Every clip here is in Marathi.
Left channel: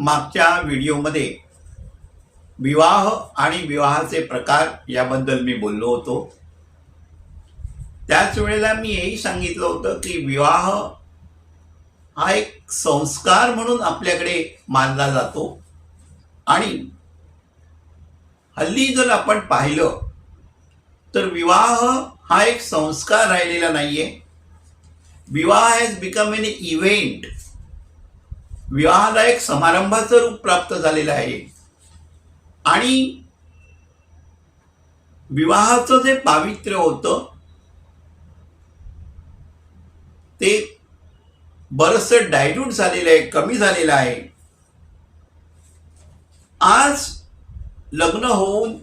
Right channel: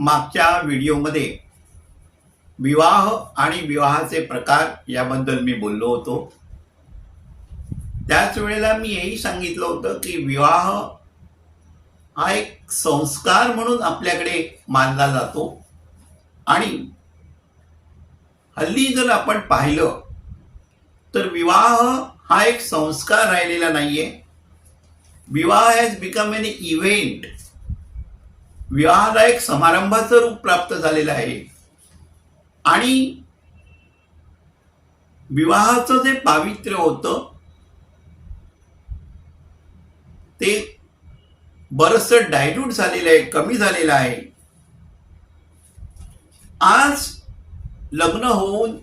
मागच्या व्हिडिओमध्ये विवाह आणि विवाहाचे प्रकार याबद्दल मी बोललो होतो. त्याच वेळेला मी हेही सांगितलं होतं की विवाह हा एक संस्कार म्हणून आपल्याकडे मानला जातो आणि हल्ली जर आपण पाहिलं तर विवाह हा एक संस्कार राहिलेला नाहीये. विवाह हॅज बिकम एन इव्हेंट. विवाहाला एक समारंभाचं रूप प्राप्त झालेलं आहे आणि विवाहाचं जे पावित्र्य होतं ते बरंचसं डायल्यूट झालेलं आहे, कमी झालेलं आहे. आज लग्न होऊन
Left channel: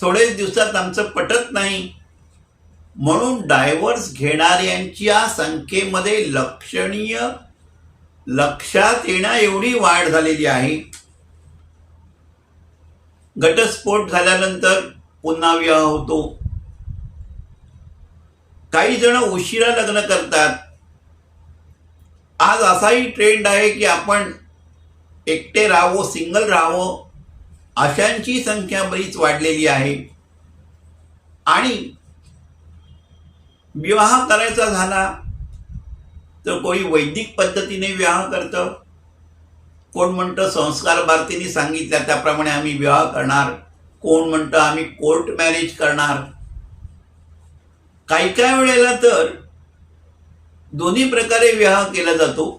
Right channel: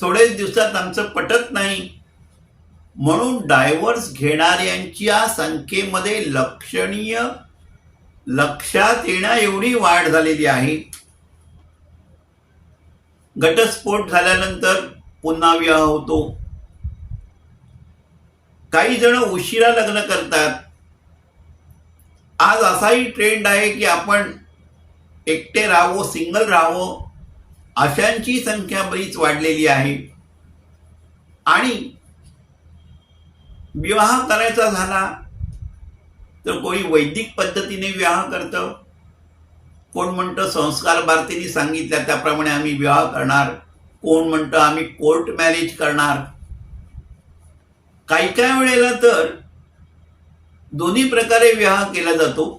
थोडेच दिवसात आमचं पटत नाही म्हणून डायव्हर्स घेणाऱ्यांच्या संख्येमध्ये लक्षणीय लक्षात येण्या एवढी वाढ झालेली आहे. घटस्फोट झाल्यानंतर पुन्हा विवाह होतो. काही जण उशिरा लग्न करतात. आज असाही ट्रेंड आहे की आपण एकटे राहावं, सिंगल राहावं, अशांची संख्या बरीच वाढलेली आहे. आणि विवाह करायचा झाला तर कोणी वैदिक पद्धतीने विवाह करतं, कोण म्हणतं संस्कार भारतीने सांगितल्या त्याप्रमाणे आम्ही विवाह करणार, कोण म्हणतं आम्ही कोर्ट मॅरेज करणार. काही काही वेळेला तर दोन्ही प्रकारे विवाह केला जातो.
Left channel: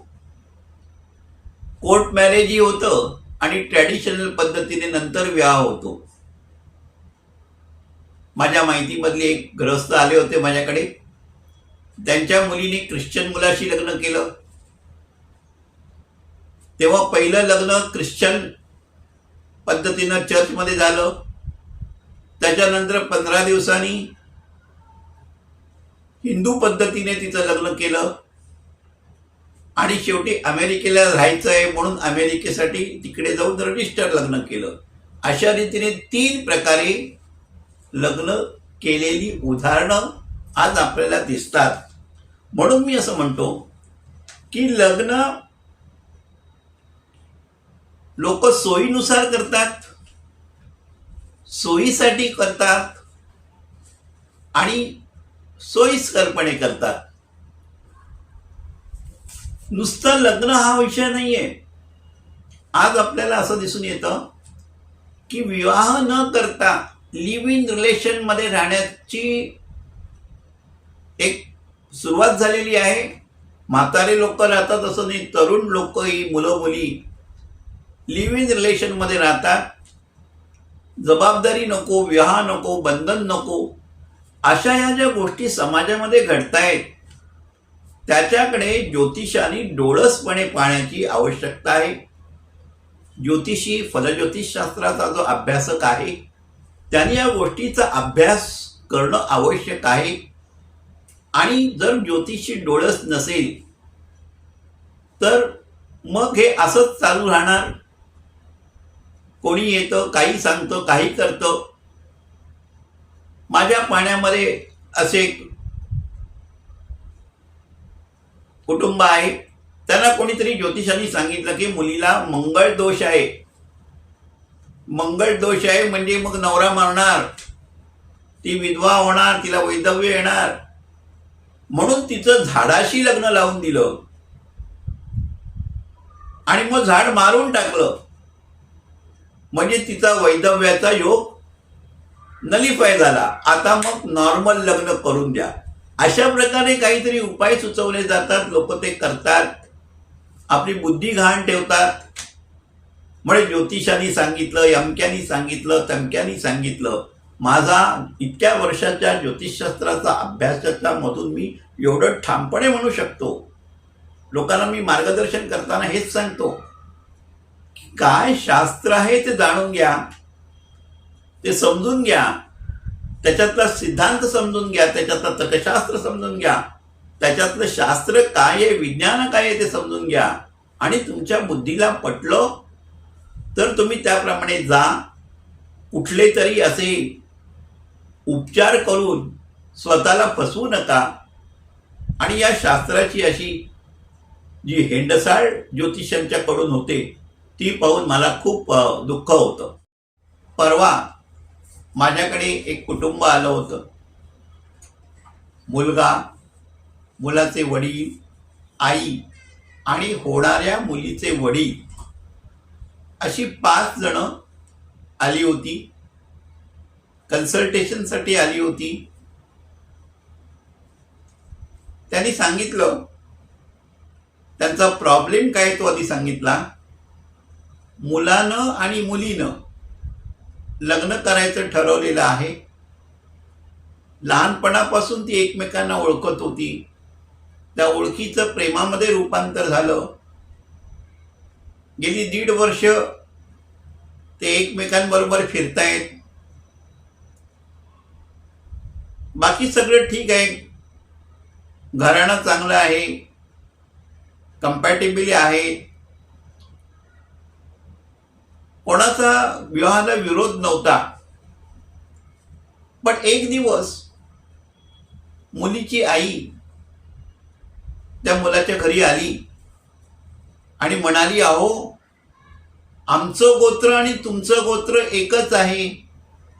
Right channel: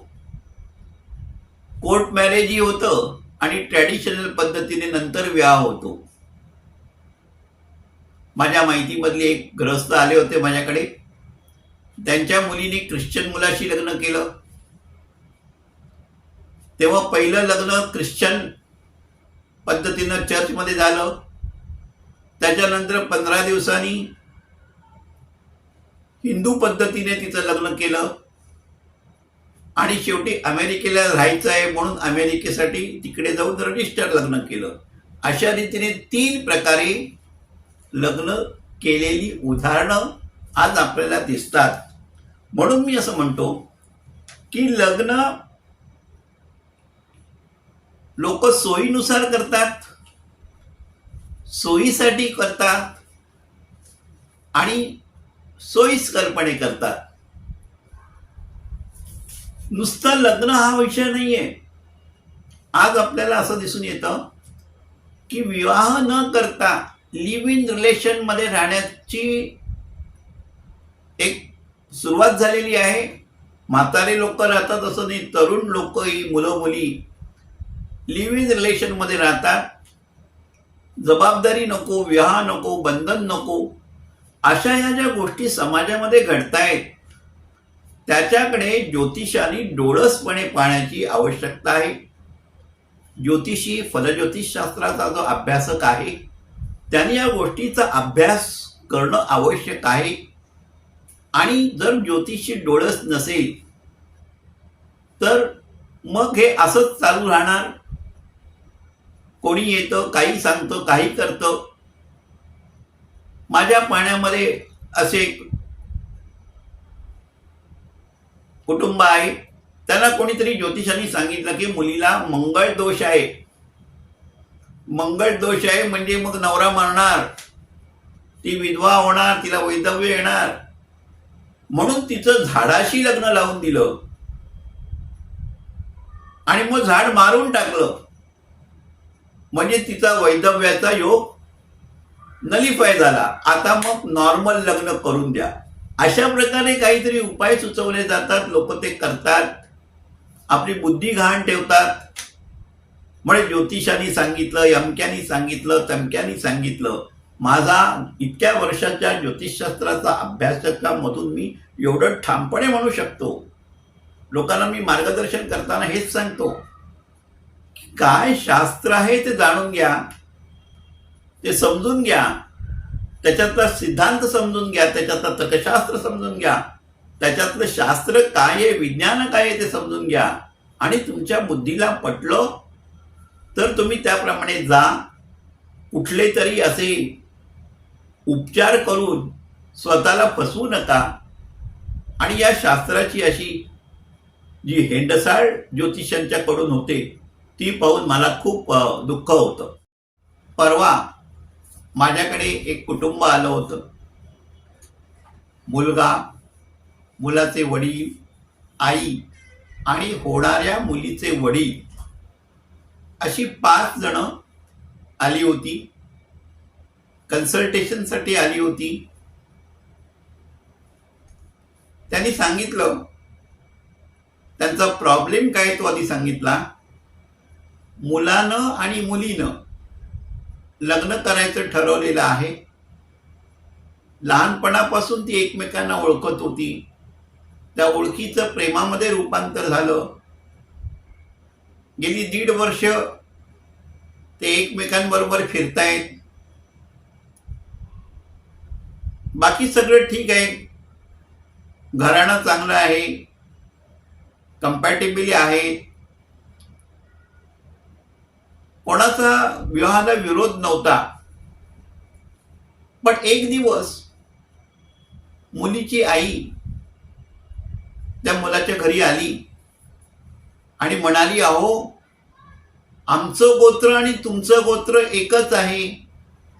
कोर्ट मॅरेजही होतं आणि ट्रॅडिशनल पद्धतीने नंतर विवाह होतो. माझ्या माहितीमधले एक गृहस्थ आले होते माझ्याकडे. त्यांच्या मुलीने ख्रिश्चन मुलाशी लग्न केलं. तेव्हा पहिलं लग्न ख्रिश्चन पद्धतीनं चर्चमध्ये झालं. त्याच्यानंतर 15 दिवसांनी हिंदू पद्धतीने तिचं लग्न केलं आणि शेवटी अमेरिकेला राहायचं आहे म्हणून अमेरिकेसाठी तिकडे जाऊन रजिस्टर लग्न केलं. अशा रीतीने 3 प्रकारे लग्न केलेली उदाहरणं आज आपल्याला दिसतात. म्हणून मी असं म्हणतो की लग्न लोक सोयीनुसार करतात, सोयीसाठी करतात आणि सोयीस्करपणे करतात. नुसतं लग्न हा विषय नाहीये. आज आपल्याला असं दिसून येतं की विवाह न करता लिव्ह इन रिलेशन मध्ये राहण्याची एक सुरुवात झालेली आहे. म्हातारे लोक राहतात असं नाही, तरुण लोकही, मुलं मुली लिव्ह इन रिलेशन मध्ये राहतात. जबाबदारी नको, विवाह नको, बंधन नको, अशा ह्या ज्या गोष्टी समाजामध्ये घडतायत त्याच्याकडे ज्योतिषाने डोळसपणे पाहण्याची आवश्यकता आहे. ज्योतिषी, फलज्योतिषशास्त्राचा जो अभ्यासक आहे त्याने या गोष्टीचा अभ्यास करणं आवश्यक आहे. आणि जर ज्योतिषी डोळस नसेल तर मग हे असंच चालू राहणार. कोणी येतं, काही सांगतं, काही करतं. माझ्या पाण्यामध्ये असे कुटुंब आहे. त्यांना कोणीतरी ज्योतिषांनी सांगितलं की मुलीला मंगळ दोष आहे. मंगळ दोष आहे म्हणजे मग नवरा मरणार, ती विधवा होणार, तिला वैधव्य येणार. म्हणून तिचं झाडाशी लग्न लावून दिलं आणि मग झाड मारून टाकलं म्हणजे तिचा वैधव्याचा योग नलिफाय झाला. आता मग नॉर्मल लग्न करून द्या. अशा प्रकारे काहीतरी उपाय सुचवले जातात. लोक ते करतात, आपली बुद्धी घाण ठेवतात. म्हणजे ज्योतिषांनी सांगितलं, यमक्यांनी सांगितलं, तमक्यांनी सांगितलं. माझा इतक्या वर्षाच्या ज्योतिषशास्त्राचा अभ्यासाच्या मधून मी एवढं ठामपणे म्हणू शकतो. लोकांना मी मार्गदर्शन करताना हेच सांगतो की काय शास्त्र आहे ते जाणून घ्या, ते समजून घ्या, त्याच्यातला सिद्धांत समजून घ्या, त्याच्यातला तर्कशास्त्र समजून घ्या, त्याच्यातलं शास्त्र काय आहे, विज्ञान काय आहे ते समजून घ्या. आणि तुमच्या बुद्धीला पटलं तर तुम्ही त्याप्रमाणे जा. कुठले तरी असे उपचार करून स्वतःला फसवू नका. आणि या शास्त्राची अशी जी हेंडसाळ ज्योतिषांच्याकडून होते ती पाहून मला खूप दुःख होतं. परवा माझ्याकडे एक कुटुंब आलं होतं. मुलगा, मुलाचे वडील, आई आणि होणाऱ्या मुलीचे वडील अशी 5 जण आली होती. कन्सल्टेशनसाठी आली होती. त्यांनी सांगितलं, त्यांचा प्रॉब्लेम काय तो आधी सांगितला. मुलानं आणि मुलीनं लग्न करायचं ठरवलेलं आहे. लहानपणापासून ती एकमेकांना ओळखत होती. त्या ओळखीचं प्रेमामध्ये रूपांतर झालं. गेली 1.5 वर्ष ते एकमेकांबरोबर फिरतायत. बाकी सगळं ठीक आहे. घराणं चांगलं आहे, कम्पॅटेबल आहे, कोणाचा विवाहाला विरोध नव्हता. पण एक दिवस मुलीची आई त्या मुलाच्या घरी आली आणि म्हणाली, अहो, आमचं गोत्र आणि तुमचं गोत्र एकच आहे,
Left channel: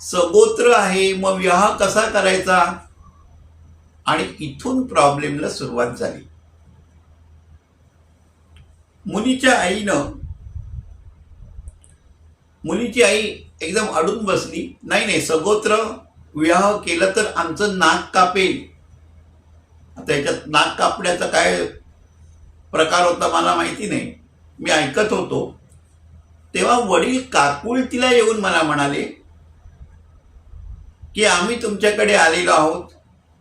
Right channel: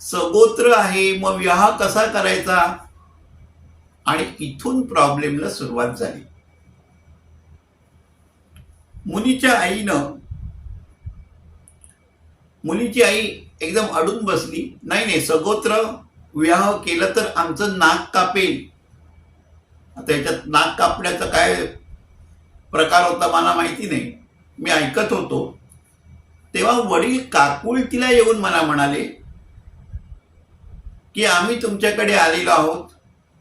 सगोत्र आहे, मग विवाह कसा करायचा. आणि इथून प्रॉब्लेमला सुरुवात झाली. मुलीची आई एकदम अडून बसली. नाही नाही, सगोत्र विवाह केलं तर आमचं नाक कापेल. आता याच्यात नाक कापण्याचा काय प्रकार होता मला माहिती नाही. मी ऐकत होतो तेव्हा वडील काकुळतीला येऊन मला म्हणाले की आम्ही तुमच्याकडे आलेलो आहोत,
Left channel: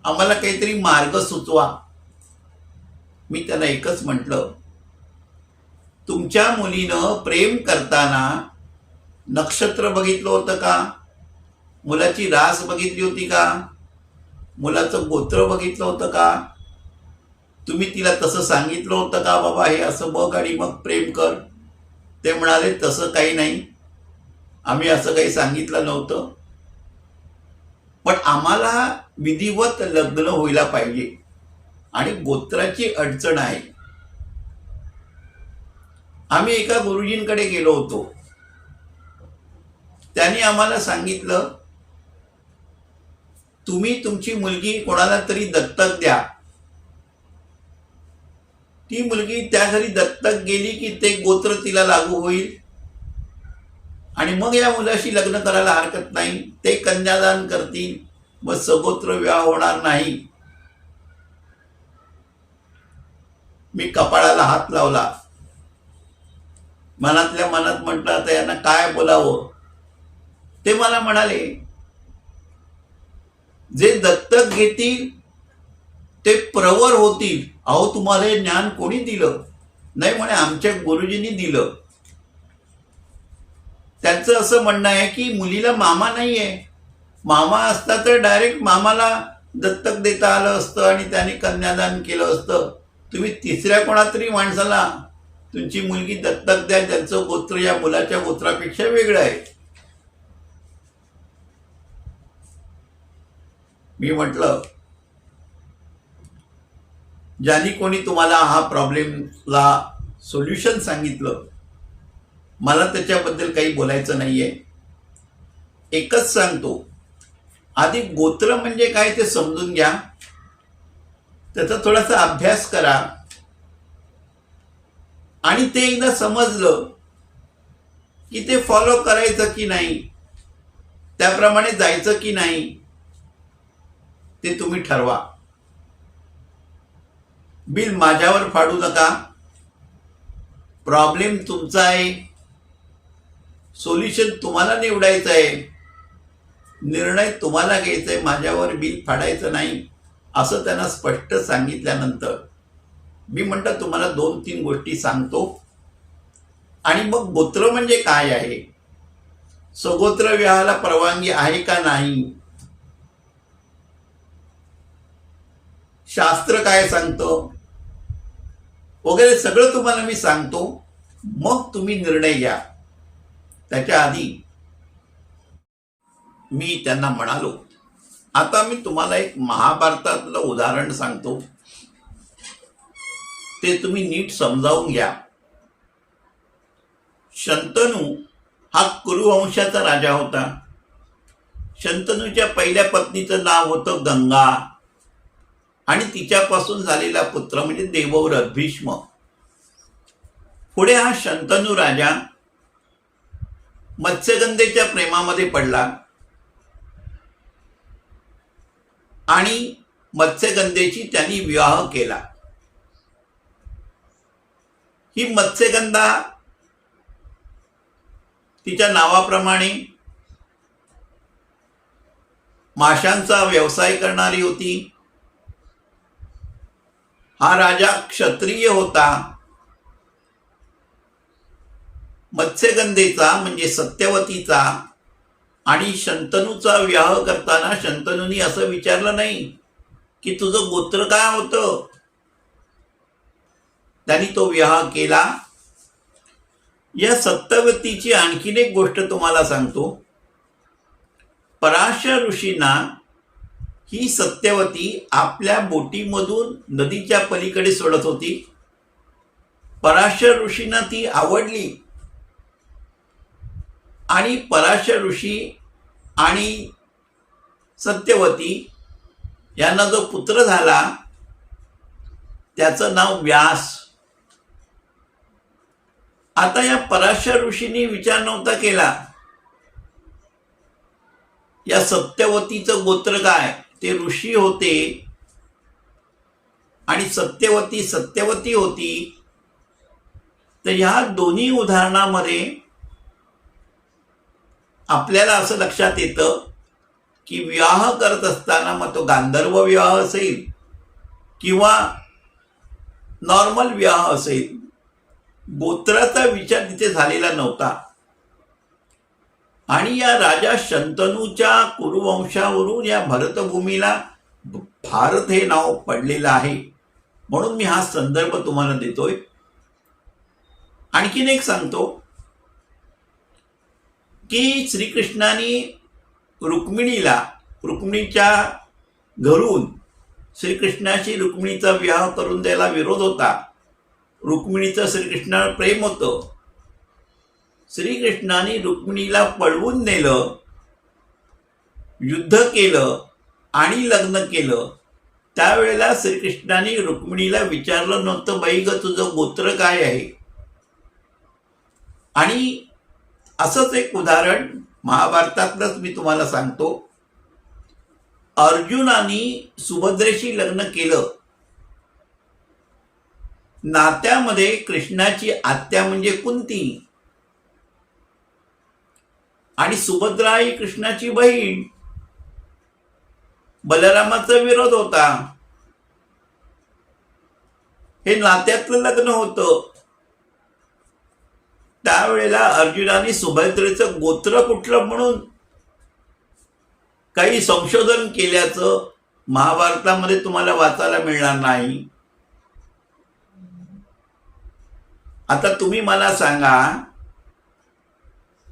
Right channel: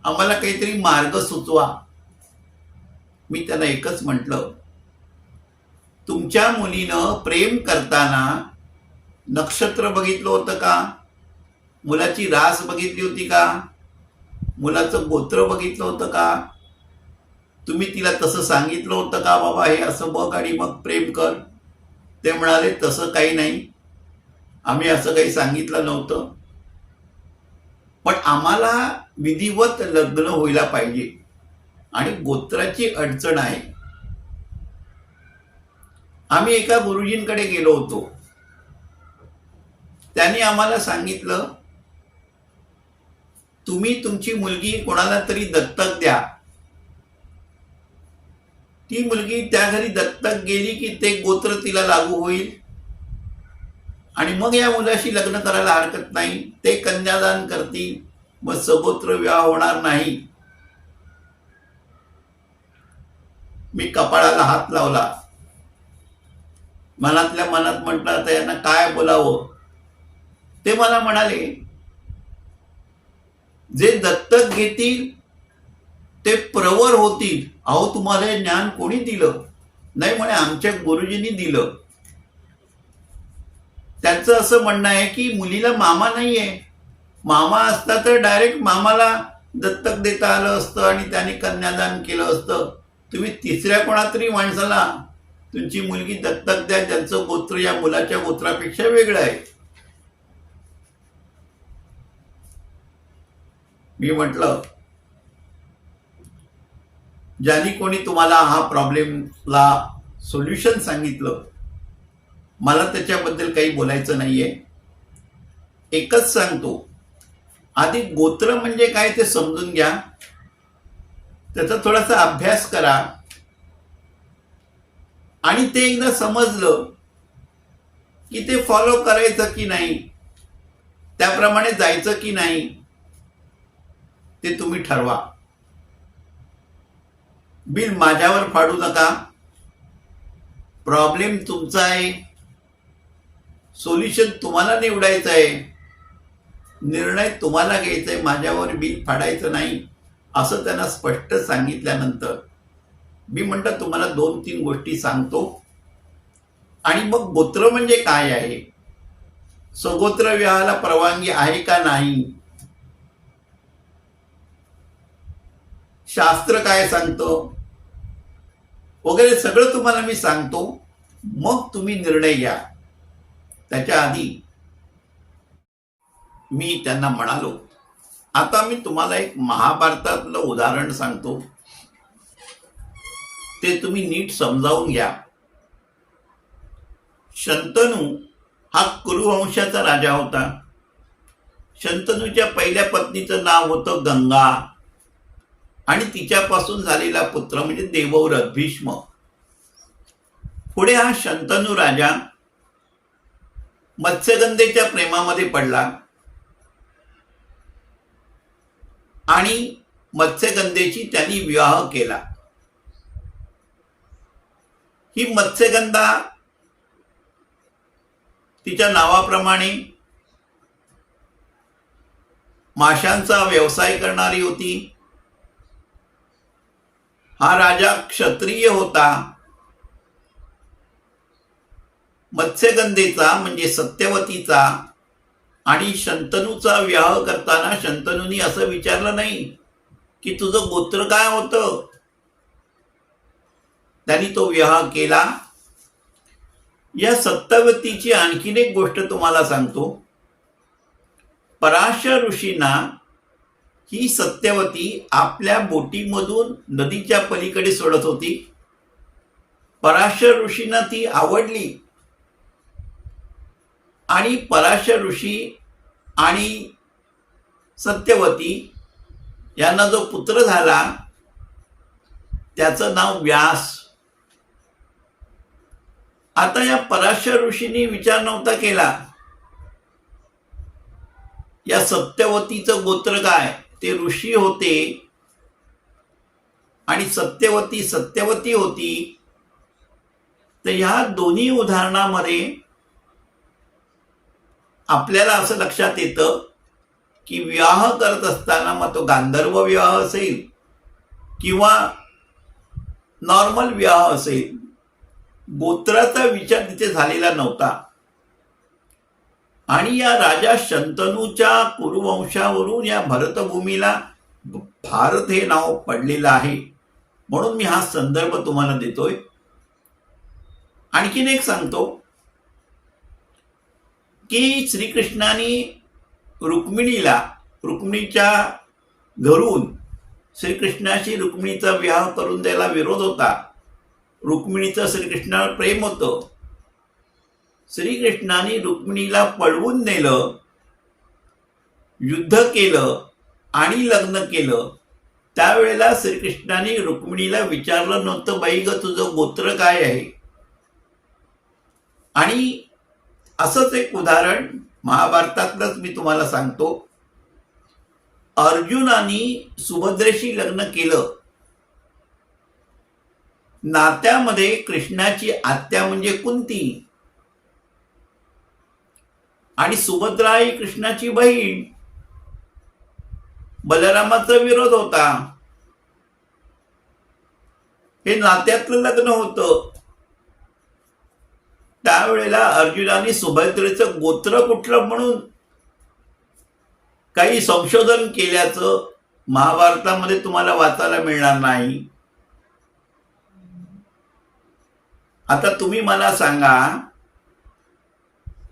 आम्हाला काहीतरी मार्ग सुचवा. मी त्यांना एकच म्हटलं, तुमच्या मुलीनं प्रेम करताना नक्षत्र बघितलं होतं का? मुलाची रास बघितली होती का? मुलाचं गोत्र बघितलं होतं का? तुम्ही तिला तसं सांगितलं होतं का, बाबा हे असं बघ आणि मग प्रेम कर? ते म्हणाले, तसं काही नाही, आम्ही असं काही सांगितलं नव्हतं, पण आम्हाला विधिवत लग्न व्हायला पाहिजे आणि गोत्राची अडचण आहे. आम्ही एका गुरुजींकडे गेलो होतो. त्यांनी आम्हाला सांगितलं, तुम्ही तुमची मुलगी कोणाला तरी दत्तक द्या. ती मुलगी त्या घरी दत्तक गेली की ते गोत्र तिला लागू होईल आणि मग या मुलाशी लग्न करायला हरकत नाही. ते कन्यादान करतील, मग सगोत्र विवाह होणार नाही. मी कपाळाला हात लावला. मनातल्या मनात म्हटलं, आता यांना काय बोलावं. ते मला म्हणाले, जे दत्तक घेतील ते प्रवर होतील. अहो, तुम्हाला हे ज्ञान कोणी दिलं? नाही म्हणे, आमच्या गुरुजींनी दिलं. त्यांचं असं म्हणणं आहे की मुलीला मामा नाहीये. मामा असता तर डायरेक्ट मामाला दत्तक देता आलं असतं आणि त्याने कन्यादान केलं असतं. तुम्ही तिसऱ्या कोणातरी माणसाला तुमची मुलगी दत्तक द्या, ज्यांचं गोत्र या मुलाच्या गोत्रापेक्षा वेगळं आहे. मी म्हटलं, ज्यांनी कोणी तुम्हाला हा प्रॉब्लेमला सोल्युशन सांगितलं, मला त्याच्याबद्दल काही बोलायचं नाहीये. एकच सांगतो, आधी गोत्र म्हणजे काय ते समजून घ्या, त्याचा थोडासा अभ्यास करा आणि ते एकदा समजलं की ते फॉलो करायचं की नाही, त्याप्रमाणे जायचं की नाही, ते तुम्ही ठरवा. बिल माझ्यावर फाडू नका. प्रॉब्लेम तुमचा आहे, सोल्युशन तुम्हाला निवडायचं आहे, निर्णय तुम्हाला घ्यायचा आहे, माझ्यावर बिल फाडायचं नाही, असं त्यांना स्पष्ट सांगितल्यानंतर मी म्हटलं, तुम्हाला 2-3 गोष्टी सांगतो आणि मग गोत्र म्हणजे काय आहे, सगोत्र विवाहाला परवानगी आहे का नाही, शास्त्र काय सांगतं वगैरे सगळं तुम्हाला मी सांगतो. मग तुम्ही निर्णय घ्या. त्याच्या आधी मी त्यांना म्हणालो, आता मी तुम्हाला एक महाभारतातलं उदाहरण सांगतो, ते तुम्ही नीट समजावून घ्या. शंतनू हा कुरुवंशाचा राजा होता. शंतनूच्या पहिल्या पत्नीचं नाव होतं गंगा आणि तिच्यापासून झालेला पुत्र म्हणजे देवव्रत भीष्म. पुढे हा शंतनू राजा मत्स्यगंधेच्या प्रेमामध्ये पडला आणि मत्स्यगंधेची त्यांनी विवाह केला. ही मत्स्यगंधा तिच्या नावाप्रमाणे माशांचा व्यवसाय करणारी होती. हा राजा क्षत्रिय होता. मत्स्यगंधेचा म्हणजे सत्यवतीचा आणि शंतनूचा विवाह करताना शंतनूनी असं विचारलं नाही की तुझं गोत्र काय होतं. त्यांनी तो विवाह केला. या सत्यवतीची आणखीन एक गोष्ट तुम्हाला सांगतो. पराशर ऋषींना ही सत्यवती आपल्या बोटीमधून नदीच्या पलीकडे सोडत होती. पराशर ऋषींना ती आवडली आणि पराशर ऋषी आणि सत्यवती यांना जो पुत्र झाला त्याचं नाव व्यास. आता या पराशर ऋषींनी विचार नव्हता केला या सत्यवतीचं गोत्र काय. ते ऋषी होते आणि सत्यवती सत्यवती होती. तर ह्या दोन्ही उदाहरणामध्ये आपल्याला असं लक्षात येतं की विवाह करत असताना मग तो गांधर्व विवाह असेल किंवा नॉर्मल विवाह असेल, गोत्राचा विचार तिथे झालेला नव्हता. आणि या राजा शंतनूच्या कुरुवंशावरून या भरतभूमीला भारत हे नाव पडलेलं आहे. म्हणून मी हा संदर्भ तुम्हाला देतोय. आणखीन एक सांगतो की श्रीकृष्णाने रुक्मिणीच्या घरून श्रीकृष्णाशी रुक्मिणीचा विवाह करून द्यायला विरोध होता. रुक्मिणीचं श्रीकृष्णावर प्रेम होतं. श्रीकृष्णाने रुक्मिणीला पळवून नेलं, युद्ध केलं आणि लग्न केलं. त्यावेळेला श्रीकृष्णाने रुक्मिणीला विचारलं नव्हतं, बाई ग तुझं गोत्र काय आहे. आणि असंच एक उदाहरण महाभारतातलंच मी तुम्हाला सांगतो. अर्जुनाने सुभद्रेशी लग्न केलं. नात्यामध्ये कृष्णाची आत्या म्हणजे कुंती आणि सुभद्रा ही कृष्णाची बहीण. बलरामाचा विरोध होता. हे नात्यातलं लग्न होतं. त्यावेळेला अर्जुनाने सुभद्रेचं गोत्र कुठलं म्हणून काही संशोधन केल्याचं महाभारतामध्ये तुम्हाला वाचायला मिळणार नाही. आता तुम्ही मला सांगा,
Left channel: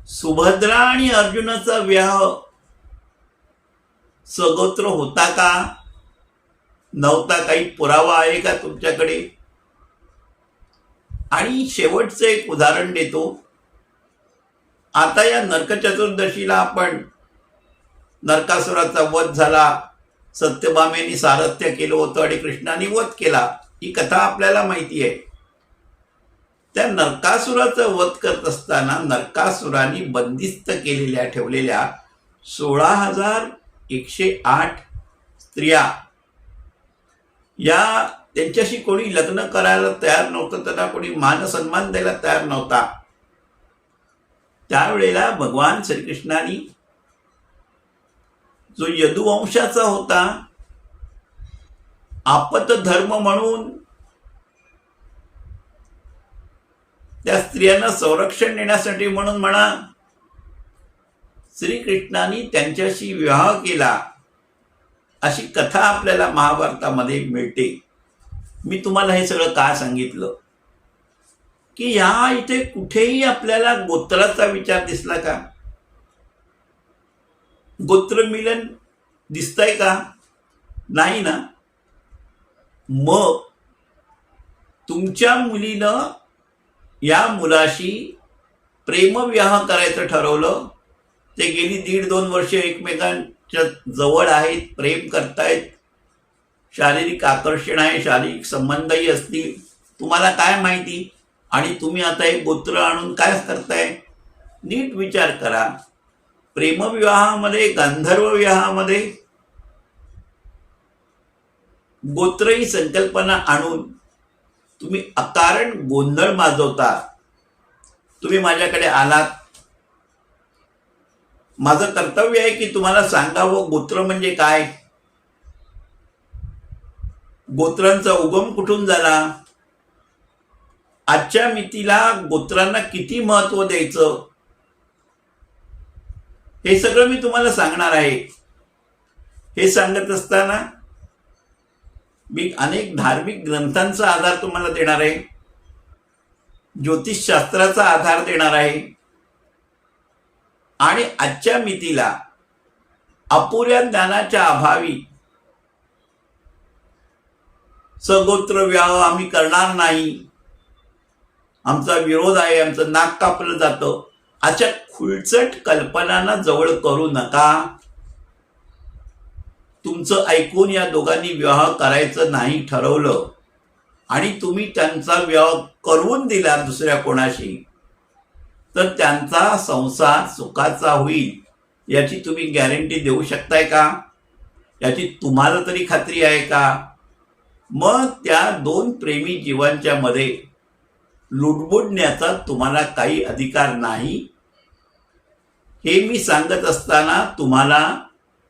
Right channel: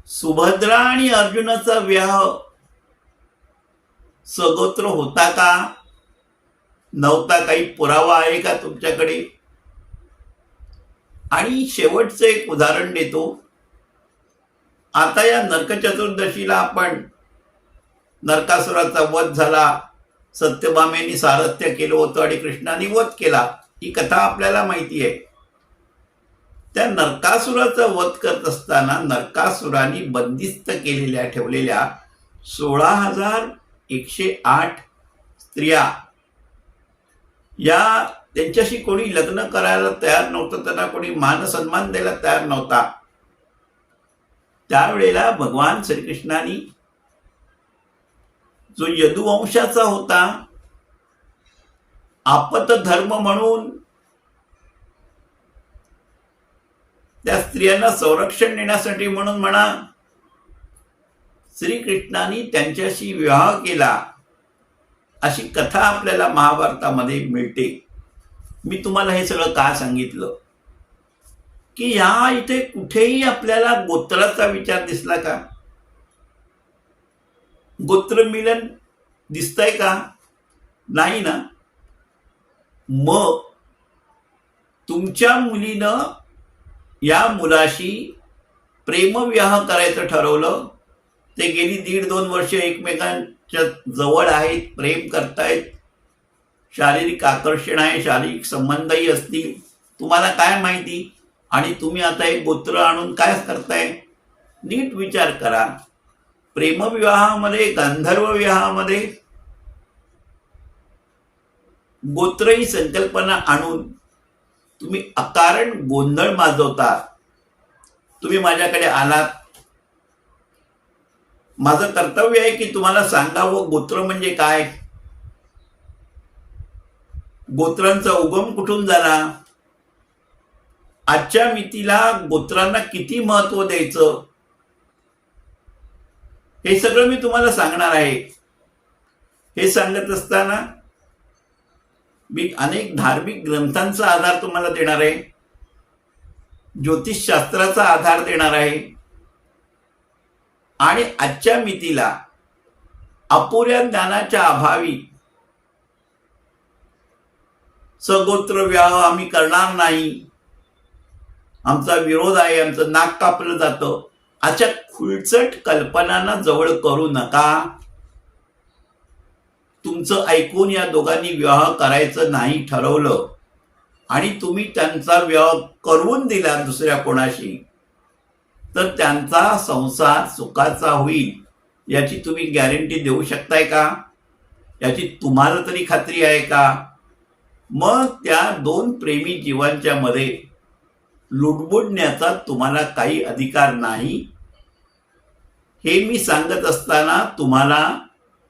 सुभद्रा आणि अर्जुनाचा विवाह सगोत्र होता का नव्हता? काही पुरावा आहे का तुमच्याकडे? आणि शेवटचं एक उदाहरण देतो. आता या नरक चतुर्दशीला आपण नरकासुराचा वध झाला, सत्यभामेने सारथ्य केलं होतं आणि कृष्णाने वध केला. ही कथा आपल्याला माहिती आहे. त्या नरकासुराचा वध करत असताना नरकासुराने बंदिस्त ठेवलेल्या 16,108 स्त्रिया या त्यांच्याशी कोणी लग्न करायला तयार नव्हतं. त्यांना कोणी मान सन्मान द्यायला तयार नव्हता. त्यावेळेला भगवान श्रीकृष्णाने जो यदुवंशाचा होता, आपत धर्म म्हणून त्या स्त्रियांना संरक्षण देण्यासाठी म्हणून म्हणा, श्रीकृष्णाने त्यांच्याशी विवाह केला. अशी कथा आपल्याला महाभारतामध्ये मिळते. मी तुम्हाला हे सगळं का सांगितलं की ह्या इथे कुठेही आपल्याला गोत्राचा विचार दिसला का? गोत्र मिलन दिसतंय का? नाही ना. मग तुमच्या मुलीनं या मुलाशी प्रेमविवाह करायचं ठरवलं, ते गेली 1.5-2 वर्ष एकमेकांच्या जवळ आहेत, प्रेम करतायत, शारीरिक आकर्षण आहे, शारीरिक संबंधही असतील, तुम्हाला काय माहिती, आणि तुम्ही आता एक गोत्र आणून काय करताय? नीट विचार करा. प्रेमविवाहामध्ये, गांधर्व विवाहामध्ये गोत्र ही संकल्पना आणून तुम्ही अकारण गोंधळ माजवता. तुम्ही माझ्याकडे आलात, माझं कर्तव्य आहे की तुम्हाला सांगावं गोत्र म्हणजे काय, गोत्रांचा उगम कुठून झाला, आजच्या मितीला गोत्रांना किती महत्व द्यायचं, हे सगळं मी तुम्हाला सांगणार आहे. हे सांगत असताना मी अनेक धार्मिक ग्रंथांचा आधार तुम्हाला देणार आहे, ज्योतिषशास्त्राचा आधार देणार आहे, आणि आजच्या मितीला अपुऱ्या ज्ञानाच्या अभावी सगोत्र विवाह आम्ही करणार नाही, आमचा विरोध आहे, आमचं नाक कापलं जातं, अशा खुळचट कल्पनांना जवळ करू नका. तुमचं ऐकून या दोघांनी विवाह करायचं नाही ठरवलं आणि तुम्ही त्यांचा विवाह करून दिला दुसऱ्या कोणाशी, तर त्यांचा संसार सुखाचा होईल याची तुम्ही गॅरंटी देऊ शकताय का? याची तुम्हाला तरी खात्री आहे का? मग त्या 2 प्रेमी जीवांच्या मध्ये लुडबुडण्याचा तुम्हाला काही अधिकार नाही. हे मी सांगत असताना तुम्हाला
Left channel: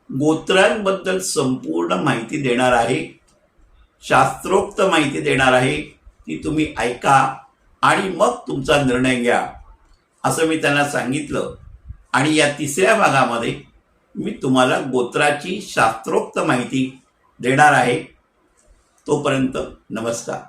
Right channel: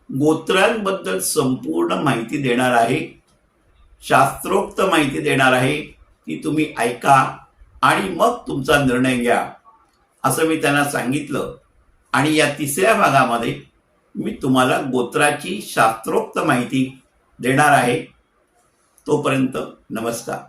गोत्रांबद्दल संपूर्ण माहिती देणार आहे, शास्त्रोक्त माहिती देणार आहे, ती तुम्ही ऐका आणि मग तुमचा निर्णय घ्या, असं मी त्यांना सांगितलं. आणि या 3ऱ्या भागामध्ये मी तुम्हाला गोत्राची शास्त्रोक्त माहिती देणार आहे. तोपर्यंत नमस्कार.